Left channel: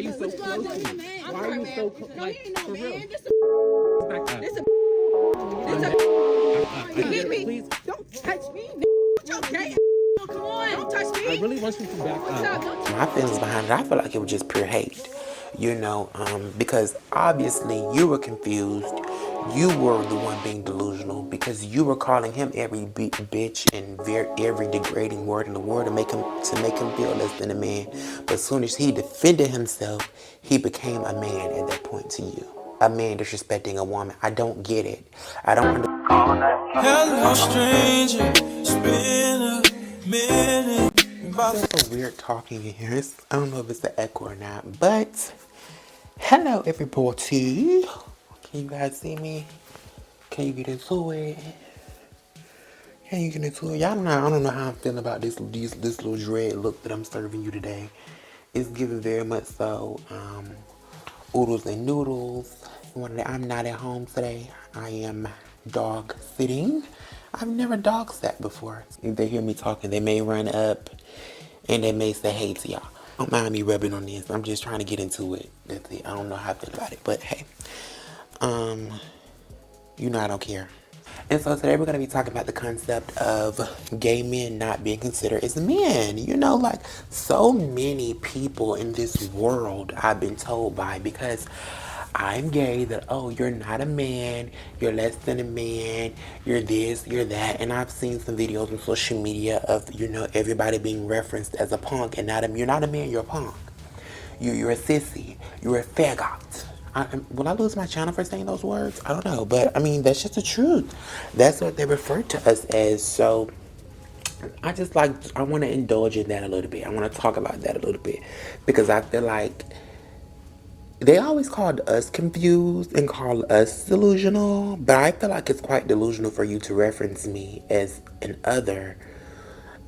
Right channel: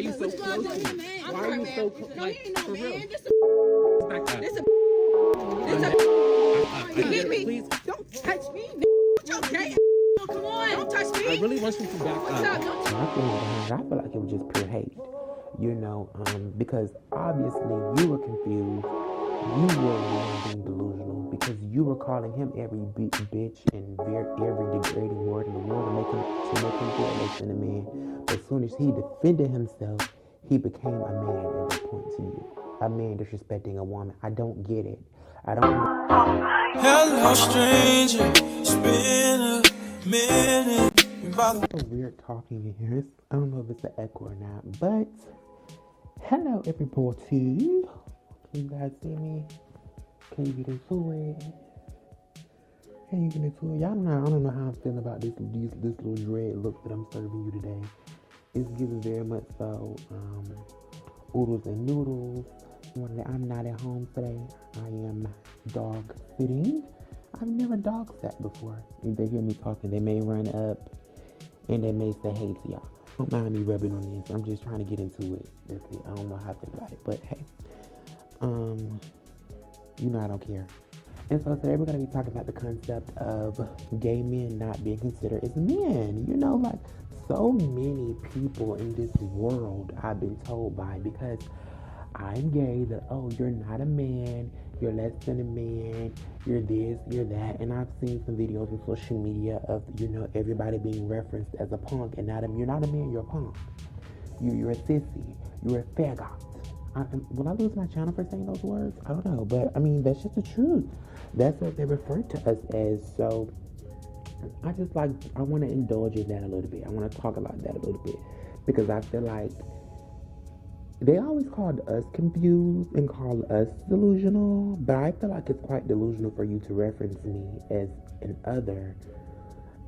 Why are you so close to me? Why are you so close? No, he ain't no for man. real? Back up. This a You hit me. Please. Don't touch me. What your gay? Come on. Don't touch me. I really want you to back What's up? up. Don't touch My feelings behind it, I feel like it was just pure hate, because obviously you were confused. You were the one being delusional because you were calling him every bitch and every degrading word in the world to make him feel less than a man. But as soon as he defended himself, he became a man at that point to you. A man disrespecting a woman. I don't get it. I don't understand. Hello, stranger. It's been a minute. It's so weird talking in here. I don't know if it's the echo or not, but hello everybody. Can you guys see me? Can you get into it? Can you get into it? Y'all know, I don't know how I'm feeling about this little dread look that I'm serving you today. It's giving very much so oodles and noodles. I'm not at home today. I am dog sitting. I've never dog sat before. If they hear me talking, they may run up and they may say hey to y'all. Don't mind me rubbing on this. I'm just trying to get into it. That's it. I don't know how I feel about it, but hey. I don't care. And so today we're going to be talking about the concept of gay men not being considered as men. Like so many people in this world I've been told by because I'm gay that, oh, you're not a man, you're less than a man, you're this, you're that. And I've seen some videos on social media of, everybody being referenced as a punk and you're not a man, you're a punk. You're a sissy, you're a faggot. Will I lose my channel for saying those words? I don't know, but that's just the truth. That's what they refer to us as. So I want to indulge in that a little bit. I want to talk about that a little bit because I feel like they always called us confused and call us delusional, but I feel like it's quite delusional for you to reference me as an other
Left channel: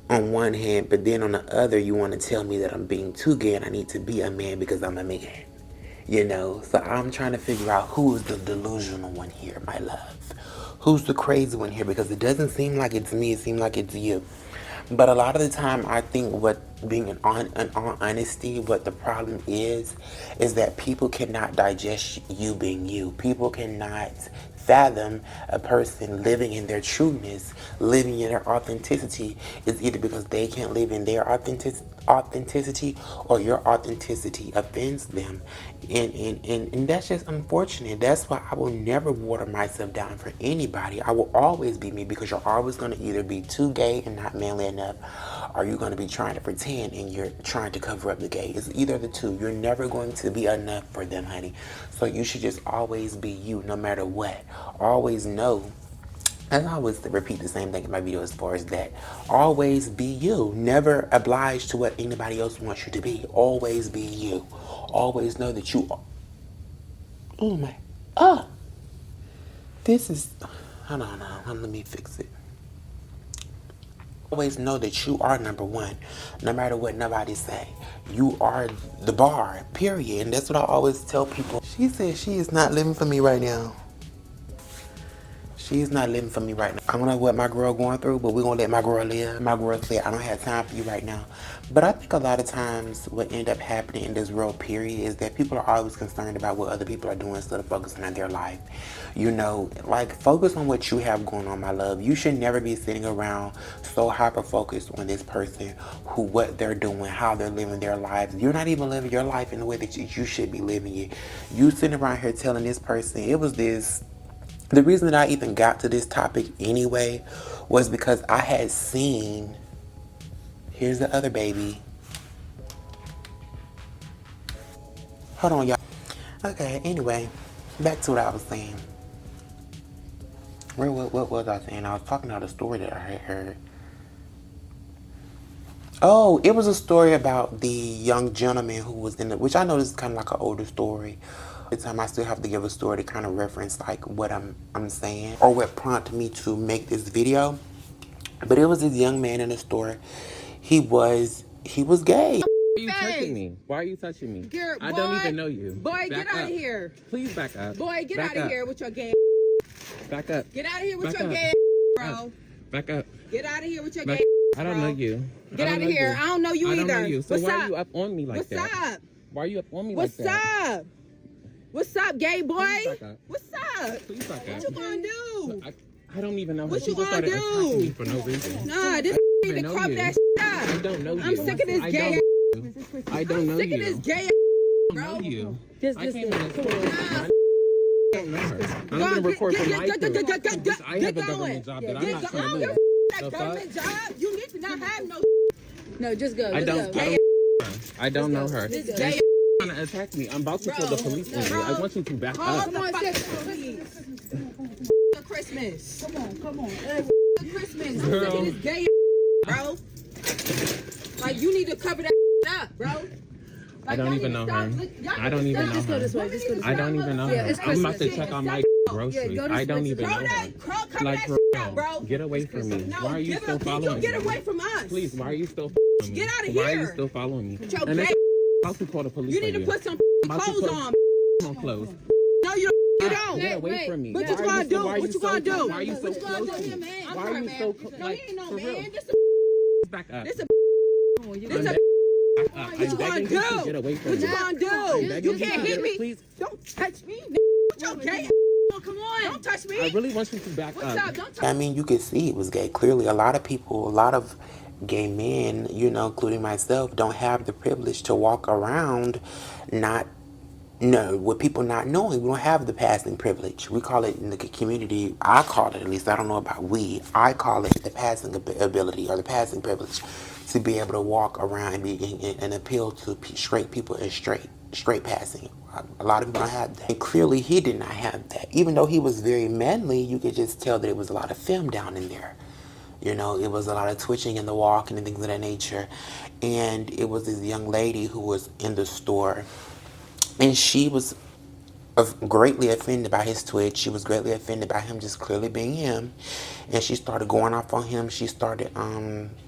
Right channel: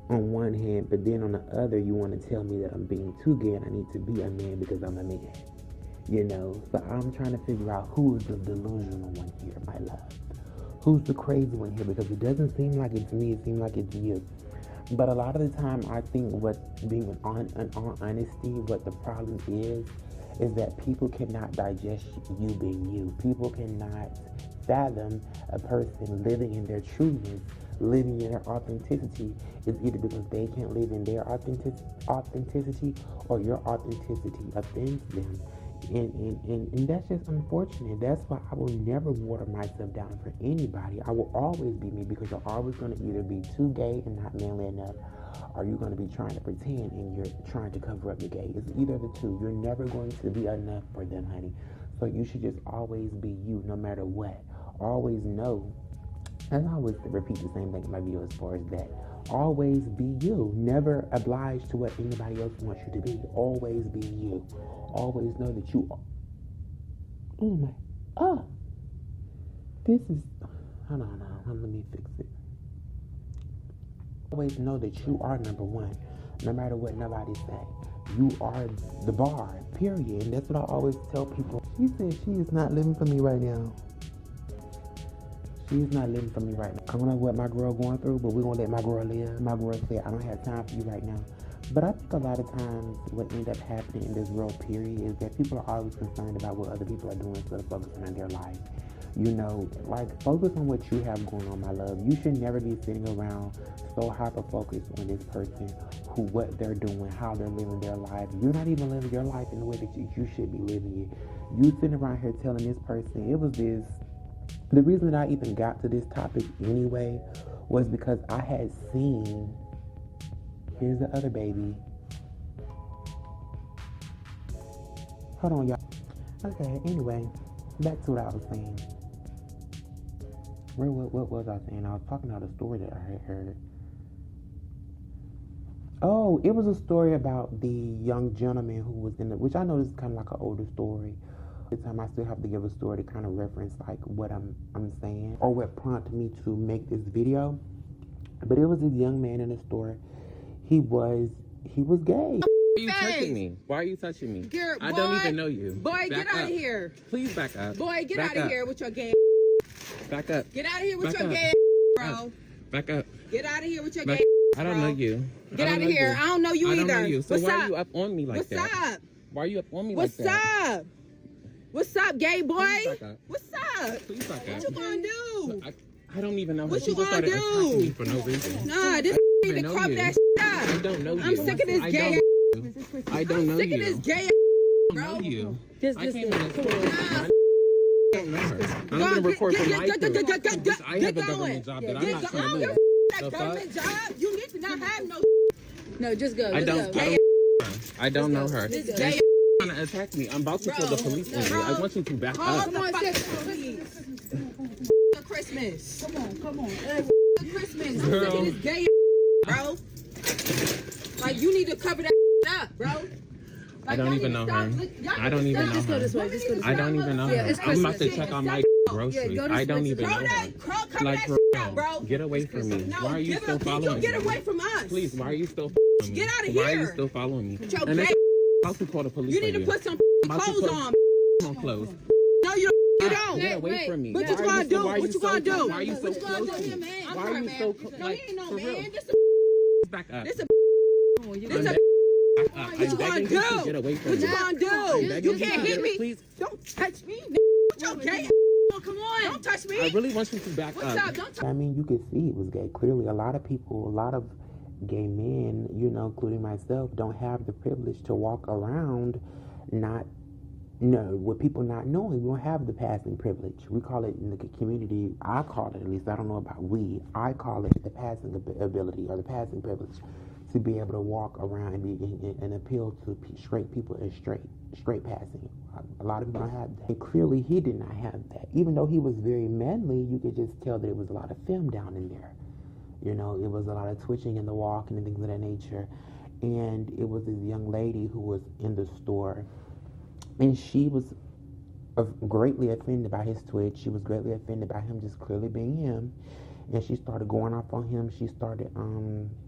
on one hand, but then on the other, you want to tell me that I'm being too gay and I need to be a man because I'm a man. So I'm trying to figure out who is the delusional one here, my love. Who's the crazy one here? Because it doesn't seem like it's me, it seems like it's you. But a lot of the time, I think what being in all honesty, what the problem is that people cannot digest you being you. People cannot fathom a person living in their trueness, living in their authenticity, is either because they can't live in their authenticity or your authenticity offends them. And that's just unfortunate. That's why I will never water myself down for anybody. I will always be me because you're always going to either be too gay and not manly enough, or you're going to be trying to pretend and you're trying to cover up the gay. It's either the two. You're never going to be enough for them, honey. So you should just always be you no matter what. Always know, and I always repeat the same thing in my video as far as that. Always be you. Never oblige to what anybody else wants you to be. Always be you. Always know that you are. Oh my. This is. Hold on. Let me fix it. Always know that you are number one. No matter what nobody say. You are the bar, period. And that's what I always tell people. She said she is not living for me right now. She's not living for me right now. I don't know what my girl going through, but we're going to let my girl live. My girl said, I don't have time for you right now. But I think a lot of times what end up happening in this world, period, is that people are always concerned about what other people are doing instead of focusing on their life. Focus on what you have going on, my love. You should never be sitting around so hyper-focused on this person, what they're doing, how they're living their lives. You're not even living your life in the way that you should be living it. You sitting around here telling this person, it was this. The reason that I even got to this topic anyway was because I had seen, here's the other baby. Hold on, y'all. Okay, anyway, back to what I was saying. What was I saying? I was talking about a story that I had heard. Oh, it was a story about the young gentleman who was which I know this is kind of like an older story. The time I still have to give a story to kind of reference what I'm saying or what prompted me to make this video. But it was this young man in the store. He was gay. Why are you touching me? Why are you touching me? I don't even know you. Boy, get out of here. Please back up. Boy, get out of here with your gay. Back up. Get out of here with your gay, bro. Back up. Get out of here with your gay. I don't know you. Get out of here. I don't know you either. I don't know you. So what's why up? are you up on me like that? What's up? Why are you up on me What's like that? up? What's up, gay boy? Please back up. What's up? Please back up. What you gonna do? I don't even know. What you People gonna started attacking do? me for no reason. Nah, this I need to know crop you. that I up. don't know you. I'm sick of this I gay don't know sick you. of this gay I don't know you. Just I listen. can't even. Nah. I don't know her. I'm gonna record for my crew. I have a government job that I'm not trying to lose. That The government fuck? job, you need to not have no No, just go. I Just don't. go. I don't know her. this And gay she's trying to attack me. I'm about to call the police on you. I want you to back call up. the fucking police. Christmas. Come on. Christmas. I'm sick of this gay bro. Like, you need to cover that up, bro. I don't even know her. I don't even know Just go this her. way. Just go this way. I don't even know Yeah, her. it's I'm about to Christmas. check on my groceries. go this I don't way. even know her. Cover Like, that for up, real. bro. Get away from me. No, Why are you still following Get me? away from us. Please, why are you still following me? Get out of Why are you here. still following me? your And gay it's about to call the police You need on to you. put some I'm about to clothes put on. on clothes. No, you don't. Get away wait. from me. What you Why are gonna do? why are What you gonna so- do? Why are you so What you gonna close do? to me? I'm Why sorry, are you man. so No, he ain't no for real? man. This Back up. a I'm this a back up. what you I'm gonna begging you to do? get away from What me. you gonna I'm do? begging You to can't get hit a- me. Please. Don't touch me. Okay. Come on. Don't touch me. I really want you to back What's up. up? Don't touch I mean, you could see it was gay. Clearly, a lot of people, a lot of gay men, you know, including myself, don't have the privilege to walk around with people not knowing. We don't have the passing privilege. We call it in the community, I call it, at least, I don't know about we, I call it the passing ability or the passing privilege to be able to walk around and appeal to straight people and straight passing. A lot of people don't have that. And clearly he did not have that. Even though he was very manly, you could just tell that it was a lot of film down in there. You know, it was a lot of twitching in the walk and things of that nature. And it was this young lady who was in the store, and she was greatly offended by his twitch. She was greatly offended by him just clearly being him. And she started going off on him. She started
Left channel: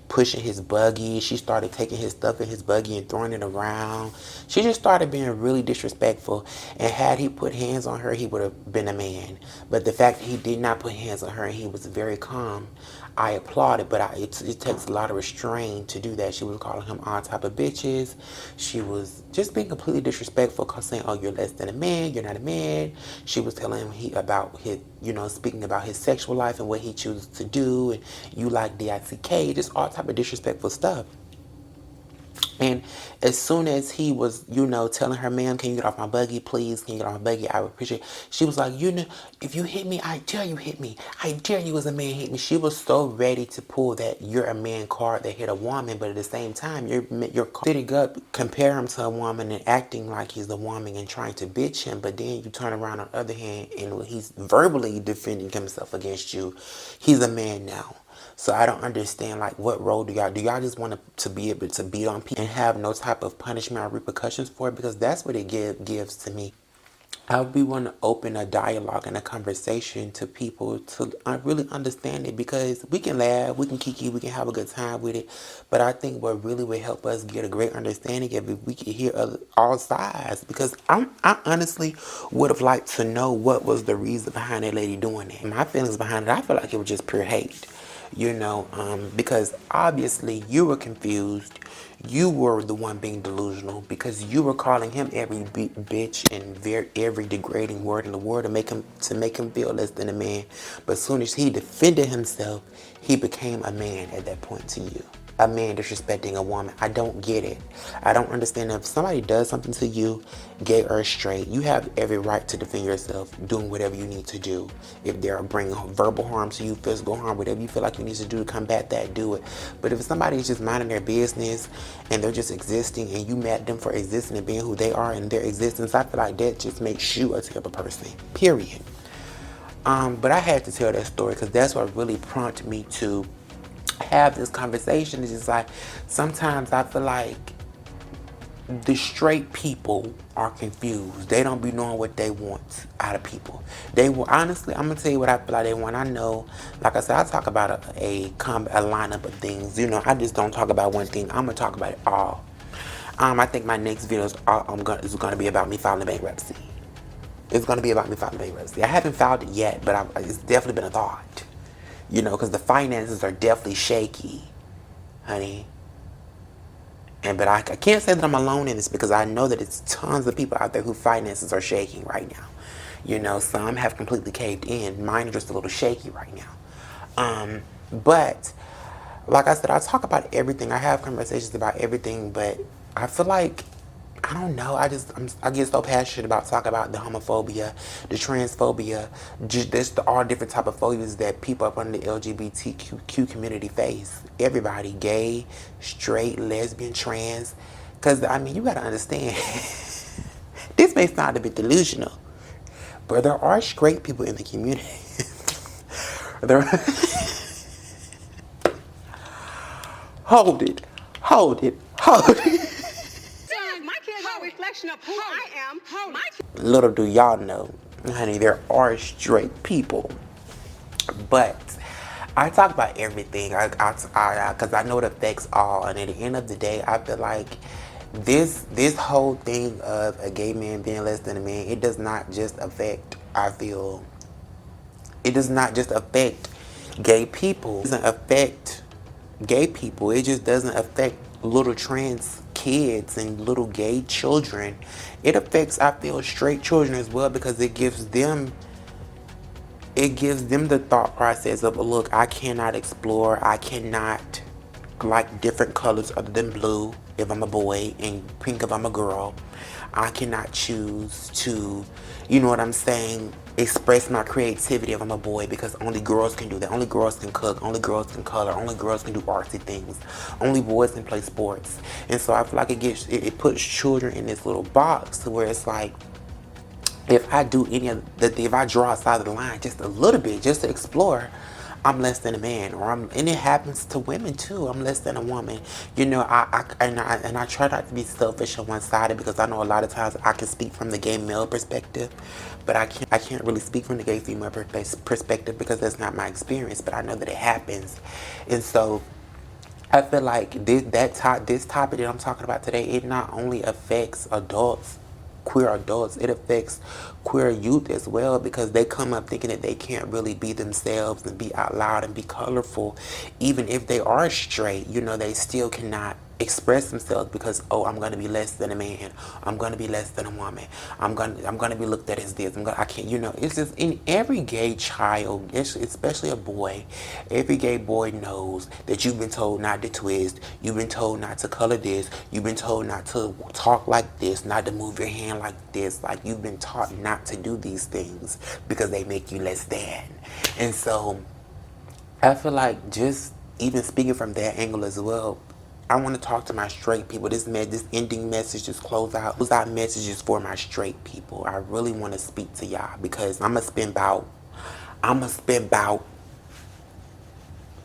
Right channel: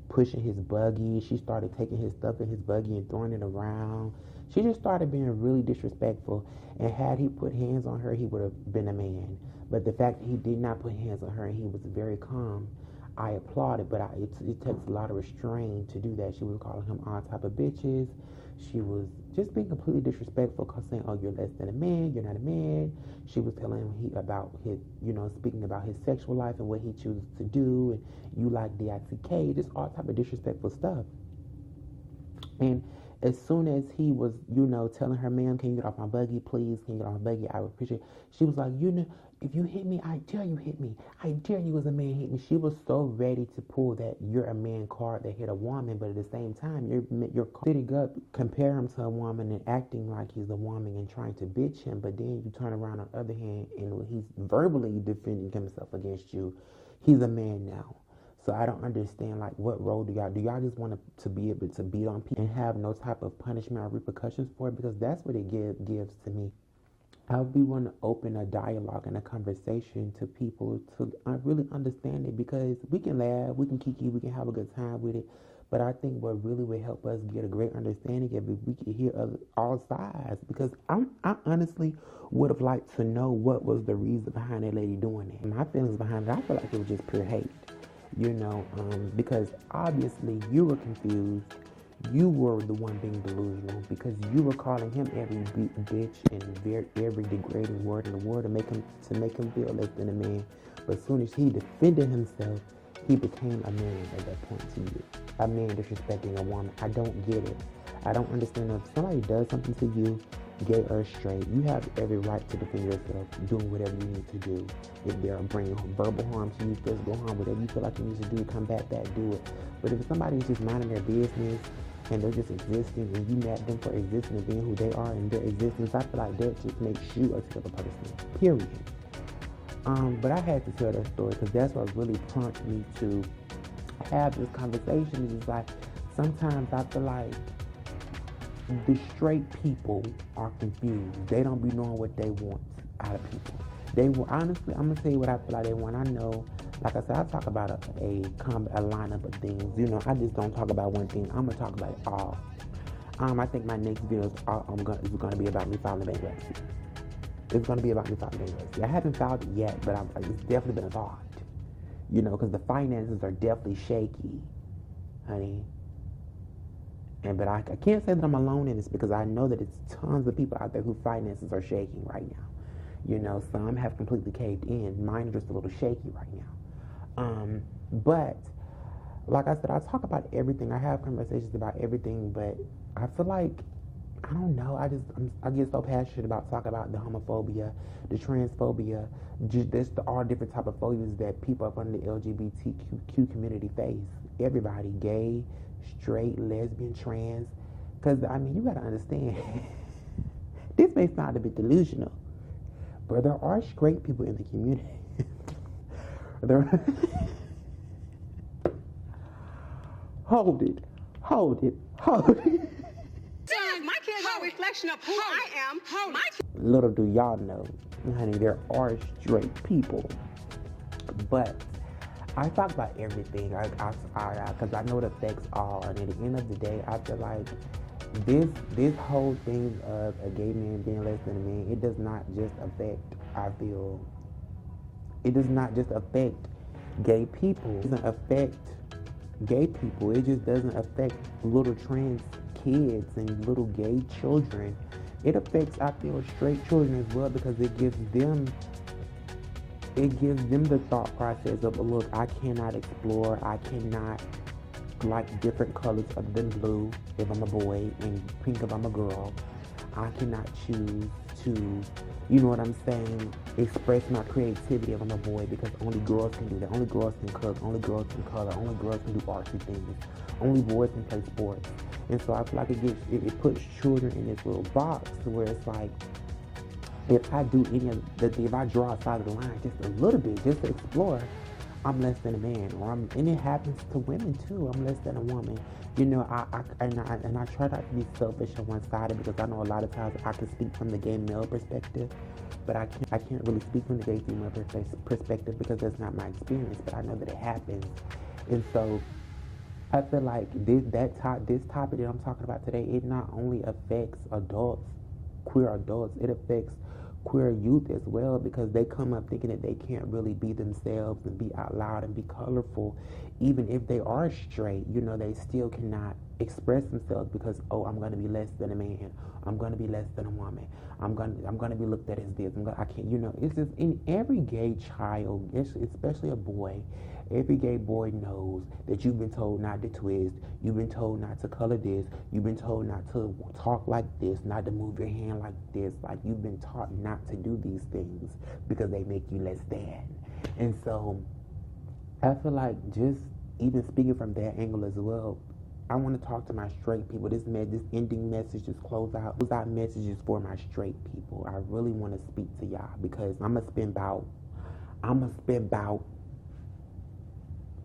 pushing his buggy. She started taking his stuff in his buggy and throwing it around. She just started being really disrespectful. And had he put hands on her, he would have been a man. But the fact that he did not put hands on her and he was very calm, I applaud it, but it takes a lot of restraint to do that. She was calling him all type of bitches. She was just being completely disrespectful, saying, "Oh, you're less than a man. You're not a man." She was telling him about his, speaking about his sexual life and what he chooses to do, and you like DICK, just all type of disrespectful stuff. And as soon as he was, telling her, "Ma'am, can you get off my buggy, please? Can you get off my buggy? I would appreciate it." She was like, "If you hit me, I dare you hit me. I dare you as a man hit me." She was so ready to pull that "you're a man" card that hit a woman, but at the same time, you're sitting up, compare him to a woman and acting like he's a woman and trying to bitch him, but then you turn around on the other hand and when he's verbally defending himself against you, he's a man now. So I don't understand, what role do y'all just want to be able to beat on people and have no type of punishment or repercussions for it? Because that's what it gives to me. We want to open a dialogue and a conversation to people to really understand it, because we can laugh, we can kiki, we can have a good time with it. But I think what really would help us get a great understanding of it, we could hear all sides. Because I honestly would have liked to know what was the reason behind that lady doing it. My feelings behind it, I feel like it was just pure hate. Because obviously you were confused. You were the one being delusional because you were calling him every bitch and every degrading word in the world to make him feel less than a man. But as soon as he defended himself, he became a man at that point to you. A man disrespecting a woman. I don't get it. I don't understand. If somebody does something to you, gay or straight, you have every right to defend yourself, doing whatever you need to do. If they're bringing verbal harm to you, physical harm, whatever you feel like you need to do to combat that, do it. But if somebody's just minding their business and they're just existing and you mad at them for existing and being who they are in their existence, I feel like that just makes you a terrible person, period. But I had to tell that story because that's what really prompted me to have this conversation. It's just like, sometimes I feel like the straight people are confused. They don't be knowing what they want out of people. They will, honestly, I'm gonna tell you what I feel like they want. I know, like I said, I talk about a lineup of things. I just don't talk about one thing. I'm gonna talk about it all. I think my next video is gonna be about me filing bankruptcy. It's gonna be about me filing bankruptcy. I haven't filed it yet, but it's definitely been a thought. Because the finances are definitely shaky, honey. But I can't say that I'm alone in this because I know that it's tons of people out there whose finances are shaking right now. You know, some have completely caved in. Mine are just a little shaky right now. But like I said, I talk about everything. I have conversations about everything, but I feel like, I don't know, I get so passionate about talking about the homophobia, the transphobia, just all different type of phobias that people up under the LGBTQ community face. Everybody, gay, straight, lesbian, trans. Because, I mean, you got to understand, this may sound a bit delusional, but there are straight people in the community. there Hold it. My kids are a reflection of who I am. Little do y'all know, honey, there are straight people. But I talk about everything because I know it affects all. And at the end of the day, I feel like this whole thing of a gay man being less than a man, it does not just affect, it does not just affect gay people. It doesn't affect gay people. It just doesn't affect little trans kids and little gay children. It affects, I feel, straight children as well because it gives them the thought process of, look, I cannot explore, I cannot like different colors other than blue if I'm a boy and pink if I'm a girl. I cannot choose to, you know what I'm saying, express my creativity if I'm a boy because only girls can do that. Only girls can cook, only girls can color, only girls can do artsy things. Only boys can play sports. And so I feel like it puts children in this little box to where it's like, if I do if I draw outside of the line just a little bit, just to explore, I'm less than a man, and it happens to women too. I'm less than a woman. You know, I try not to be selfish and one-sided because I know a lot of times I can speak from the gay male perspective, but I can't really speak from the gay female perspective because that's not my experience. But I know that it happens, and so I feel like this topic that I'm talking about today, it not only affects adults, queer adults, it affects queer youth as well because they come up thinking that they can't really be themselves and be out loud and be colorful. Even if they are straight, you know, they still cannot express themselves because, oh, I'm going to be less than a man. I'm going to be less than a woman. I'm going to be looked at as this. I can't, you know, it's just in every gay child, especially a boy, every gay boy knows that you've been told not to twist. You've been told not to color this. You've been told not to talk like this, not to move your hand like this. Like, you've been taught not to do these things because they make you less than. And so I feel like just even speaking from that angle as well, I want to talk to my straight people. This ending message, this close out messages for my straight people. I really want to speak to y'all because I'm going to spend about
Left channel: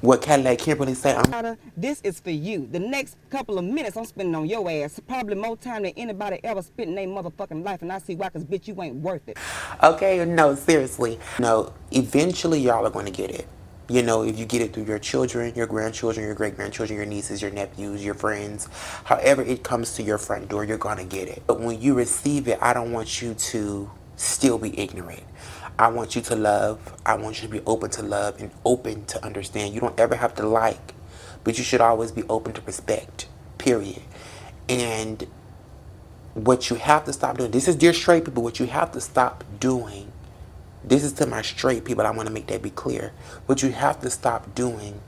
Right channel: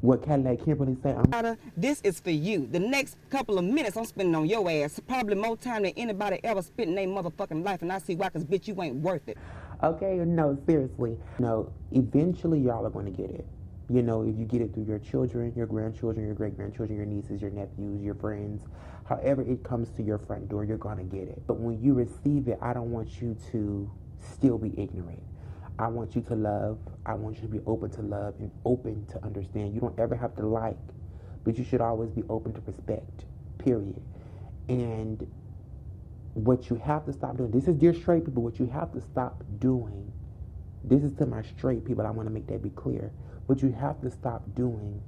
what Cadillac Kimberly said. This is for you. The next couple of minutes I'm spending on your ass. Probably more time than anybody ever spent in their motherfucking life. And I see why, because bitch, you ain't worth it. Okay, no, seriously. No, eventually y'all are going to get it. You know, if you get it through your children, your grandchildren, your great-grandchildren, your nieces, your nephews, your friends, however it comes to your front door, you're going to get it. But when you receive it, I don't want you to still be ignorant. I want you to love. I want you to be open to love and open to understand. You don't ever have to like, but you should always be open to respect, period. And what you have to stop doing, this is dear straight people, what you have to stop doing, this is to my straight people, I want to make that be clear. What you have to stop doing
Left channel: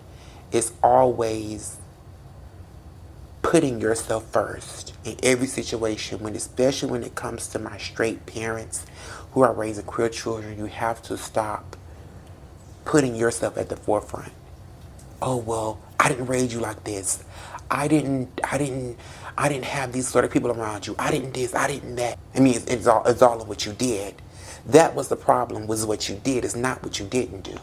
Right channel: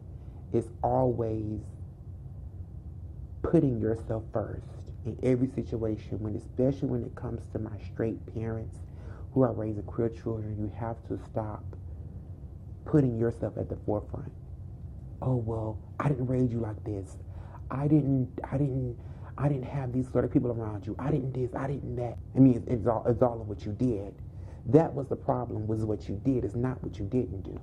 is always putting yourself first in every situation, especially when it comes to my straight parents who are raising queer children. You have to stop putting yourself at the forefront. Oh, well, I didn't raise you like this. I didn't have these sort of people around you. I didn't this, I didn't that. I mean, it's all of what you did. That was the problem, was what you did. It's not what you didn't do.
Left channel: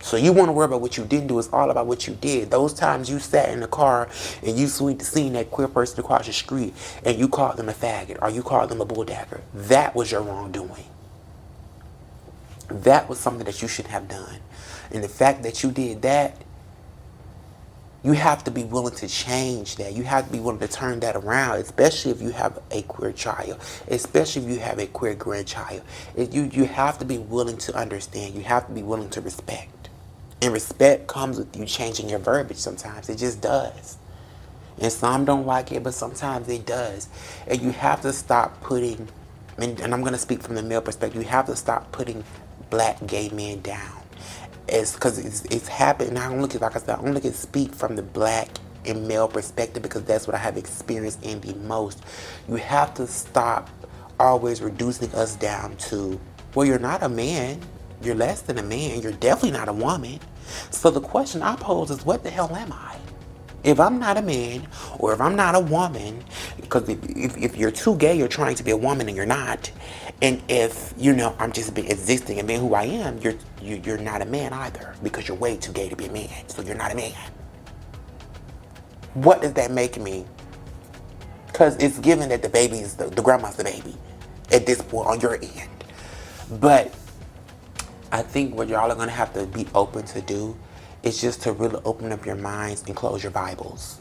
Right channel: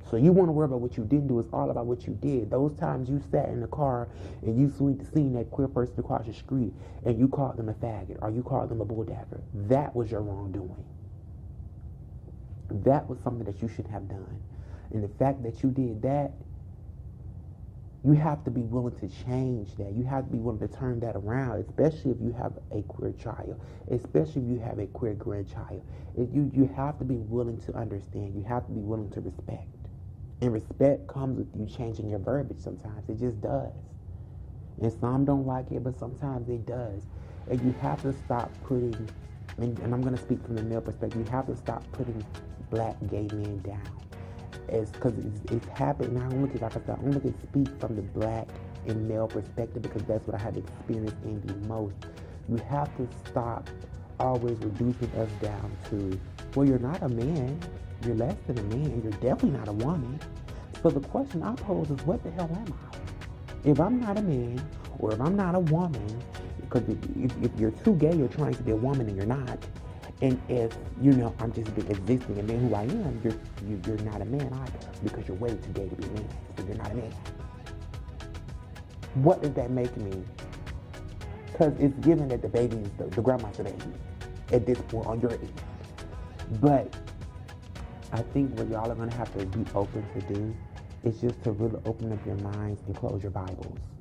So you want to worry about what you didn't do. It's all about what you did. Those times you sat in the car and you seen that queer person across the street and you called them a faggot or you called them a bulldagger. That was your wrongdoing. That was something that you shouldn't have done. And the fact that you did that, you have to be willing to change that. You have to be willing to turn that around, especially if you have a queer child, especially if you have a queer grandchild. You have to be willing to understand. You have to be willing to respect. And respect comes with you changing your verbiage sometimes. It just does. And some don't like it, but sometimes it does. And you have to stop putting, and I'm gonna speak from the male perspective, you have to stop putting black gay men down. It's because it's happened. I don't look at, like I said, I only can speak from the black and male perspective because that's what I have experienced in the most. You have to stop always reducing us down to, well, you're not a man, you're less than a man, you're definitely not a woman. So the question I pose is, what the hell am I? If I'm not a man, or if I'm not a woman, because if you're too gay, you're trying to be a woman and you're not. And if, you know, I'm just existing and being who I am, you're not a man either, because you're way too gay to be a man, so you're not a man. What does that make me? Because it's given that the baby's, the grandma's the baby at this point on your end. But I think what y'all are gonna have to be open to do is just to really open up your minds and close your Bibles.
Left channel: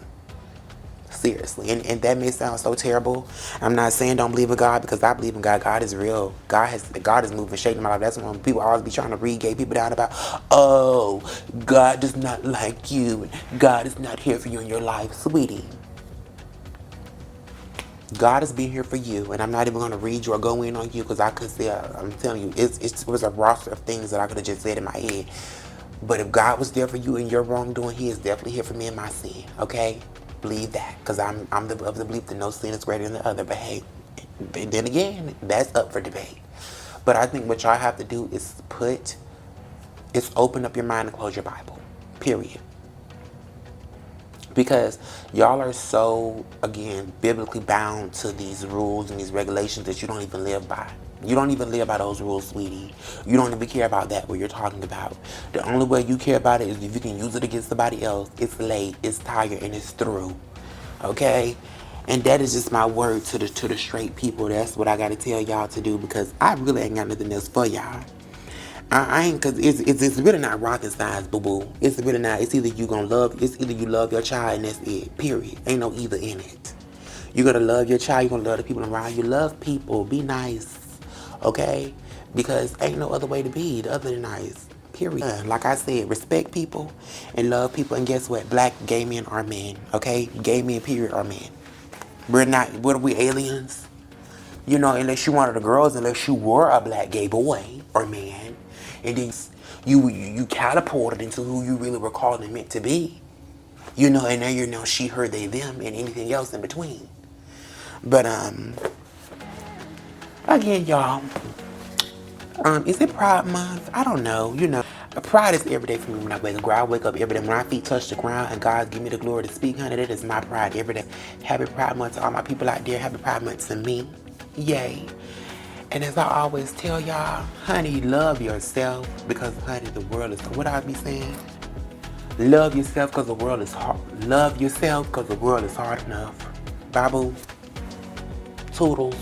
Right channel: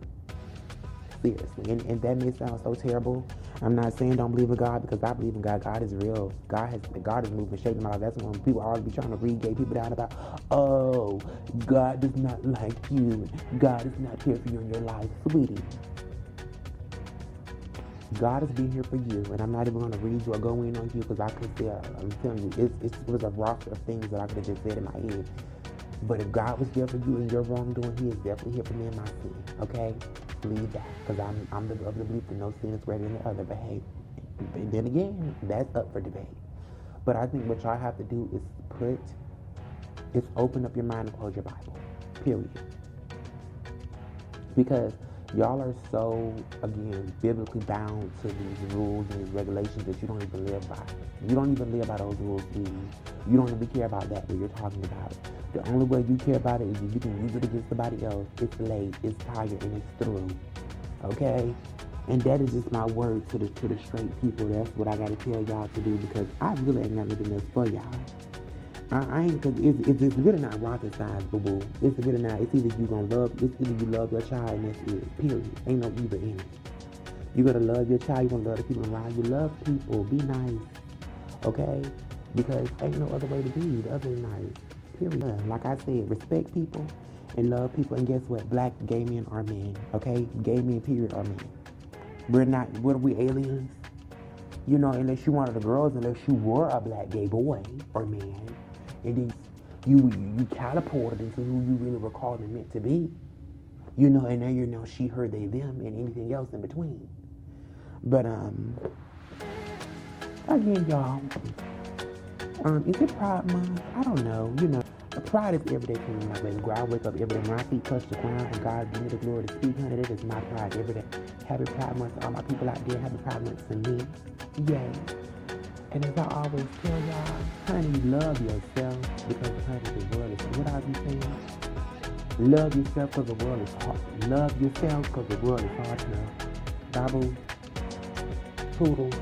Seriously, and that may sound so terrible. I'm not saying don't believe in God, because I believe in God. God is real. God is moving, shaking my life. That's when people always be trying to read gay people down about, oh, God does not like you. God is not here for you in your life, sweetie. God is being here for you, and I'm not even going to read you or go in on you, because I could say, I'm telling you, it was a roster of things that I could have just said in my head. But if God was there for you in your wrongdoing, He is definitely here for me in my sin, okay? Believe that, because I'm of the belief that no sin is greater than the other. But hey, then again, that's up for debate. But I think what y'all have to do is open up your mind and close your Bible, period. Because y'all are so, again, biblically bound to these rules and these regulations that you don't even live by. You don't even live by those rules, sweetie. You don't even care about that, what you're talking about. The only way you care about it is if you can use it against somebody else. It's late, it's tired, and it's through. Okay? And that is just my word to the straight people. That's what I got to tell y'all to do, because I really ain't got nothing else for y'all. I ain't, cause it's really not rocket science, boo boo. It's really not. It's either you love your child and that's it. Period. Ain't no either in it. You're gonna love your child. You're gonna love the people around you. Love people. Be nice. Okay? Because ain't no other way to be other than nice. Period. Like I said, respect people and love people. And guess what? Black gay men are men. Okay? Gay men, period, are men. What are we, aliens? You know, unless you wanted the girls, unless you were a black gay boy or man. And then you catapulted into who you really were called and meant to be. You know, and now you're now she, her, they, them, and anything else in between. But, again, y'all, is it Pride Month? I don't know, you know. Pride is every day for me when I wake up. I wake up every day when my feet touch the ground and God give me the glory to speak, honey. That is my pride every day. Happy Pride Month to all my people out there. Happy Pride Month to me. Yay. And as I always tell y'all, honey, love yourself, because, honey, the world is, what I be saying? Love yourself because the world is hard. Love yourself because the world is hard enough. Babu, toodles.